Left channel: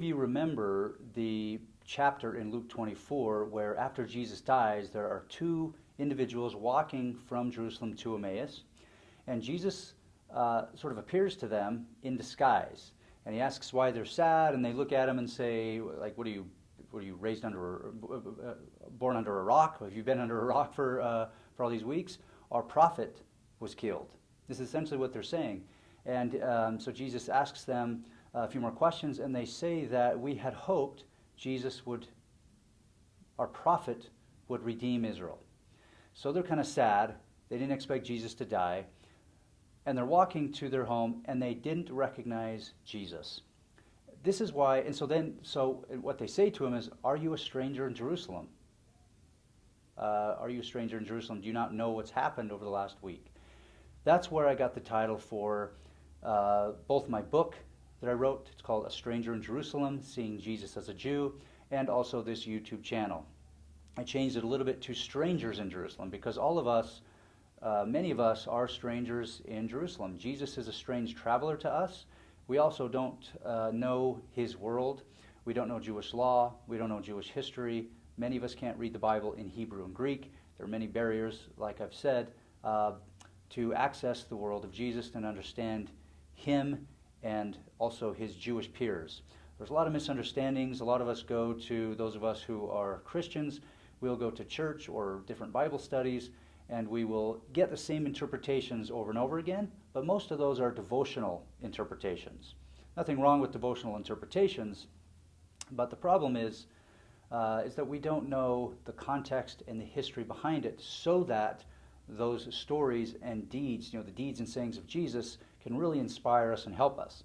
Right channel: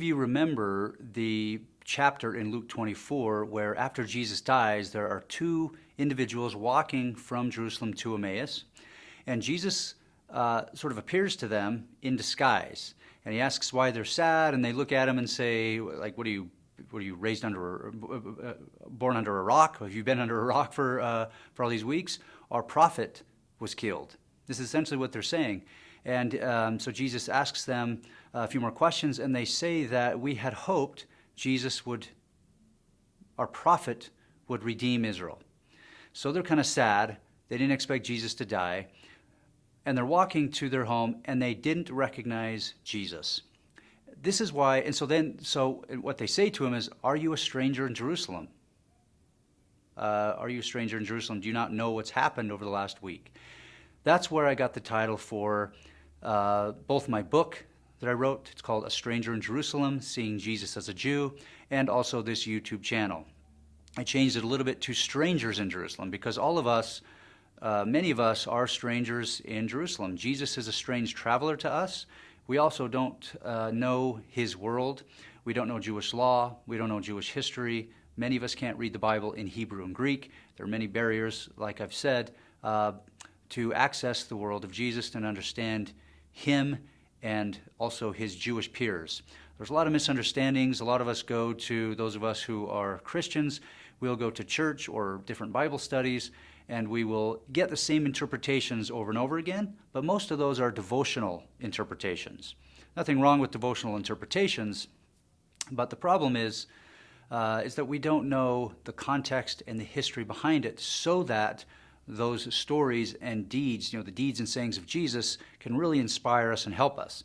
of you remember the chapter in Luke 24 where after Jesus dies, there are two individuals walking from Jerusalem to Emmaus, and Jesus sort of appears to them in disguise, and he asks why they're sad, and they look at him and say, like, what are you raised under, born under a rock? Have you been under a rock for all these weeks? Our prophet was killed. This is essentially what they're saying. And so Jesus asks them a few more questions, and they say that we had hoped our prophet would redeem Israel. So they're kind of sad. They didn't expect Jesus to die. And they're walking to their home, and they didn't recognize Jesus. This is why, and so what they say to him is, are you a stranger in Jerusalem? Are you a stranger in Jerusalem? Do you not know what's happened over the last week? That's where I got the title for both my book that I wrote. It's called A Stranger in Jerusalem, Seeing Jesus as a Jew, and also this YouTube channel. I changed it a little bit to Strangers in Jerusalem because all of us, many of us are strangers in Jerusalem. Jesus is a strange traveler to us. We also don't know his world. We don't know Jewish law. We don't know Jewish history. Many of us can't read the Bible in Hebrew and Greek. There are many barriers, like I've said, to access the world of Jesus and understand him and also his Jewish peers. There's a lot of misunderstandings. A lot of us go to, those of us who are Christians, we'll go to church or different Bible studies, and we will get the same interpretations over and over again, but most of those are devotional interpretations. Nothing wrong with devotional interpretations, but the problem is that we don't know the context and the history behind it so that those stories and deeds, the deeds and sayings of Jesus can really inspire us and help us.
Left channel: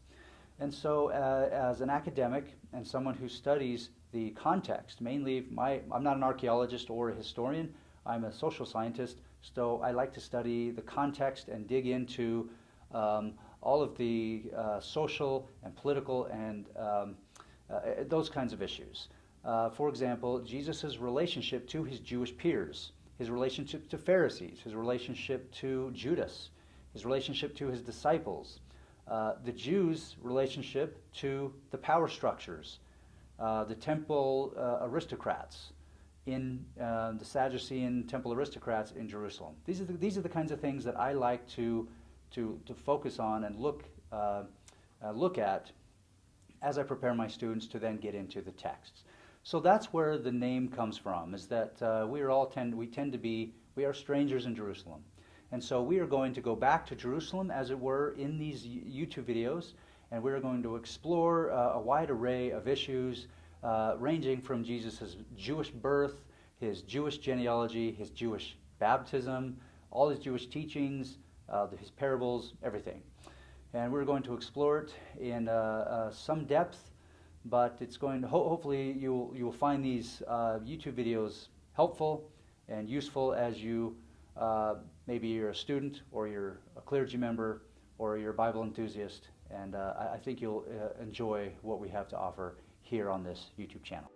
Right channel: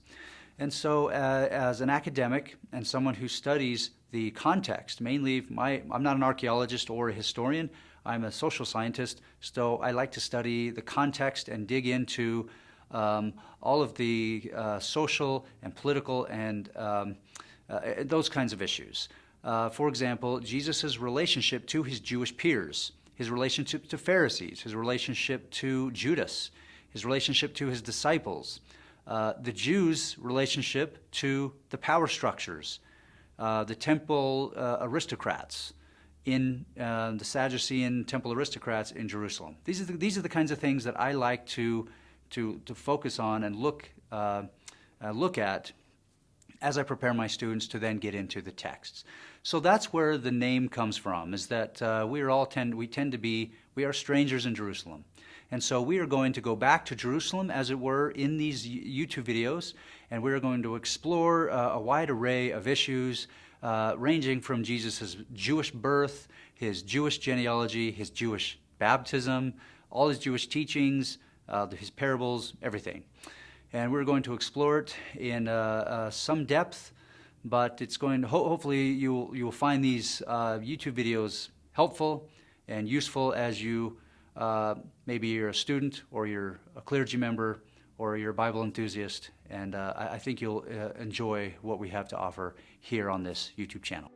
And so as an academic and someone who studies the context, mainly I'm not an archaeologist or a historian, I'm a social scientist, so I like to study the context and dig into all of the social and political and those kinds of issues. For example, Jesus' relationship to his Jewish peers, his relationship to Pharisees, his relationship to Judas, his relationship to his disciples, the Jews' relationship to the power structures, the temple aristocrats, in the Sadducean temple aristocrats in Jerusalem. These are the kinds of things that I like to focus on and look at as I prepare my students to then get into the texts. So that's where the name comes from, is that we are strangers in Jerusalem. And so we are going to go back to Jerusalem, as it were, in these YouTube videos, and we're going to explore a wide array of issues ranging from Jesus' Jewish birth, his Jewish genealogy, his Jewish baptism, all his Jewish teachings, his parables, everything. And we're going to explore it in some depth, but it's going to hopefully you will find these YouTube videos helpful and useful as you maybe you're a student or you're a clergy member or you're a Bible enthusiast, and I think you'll enjoy what we have to offer here on this YouTube channel.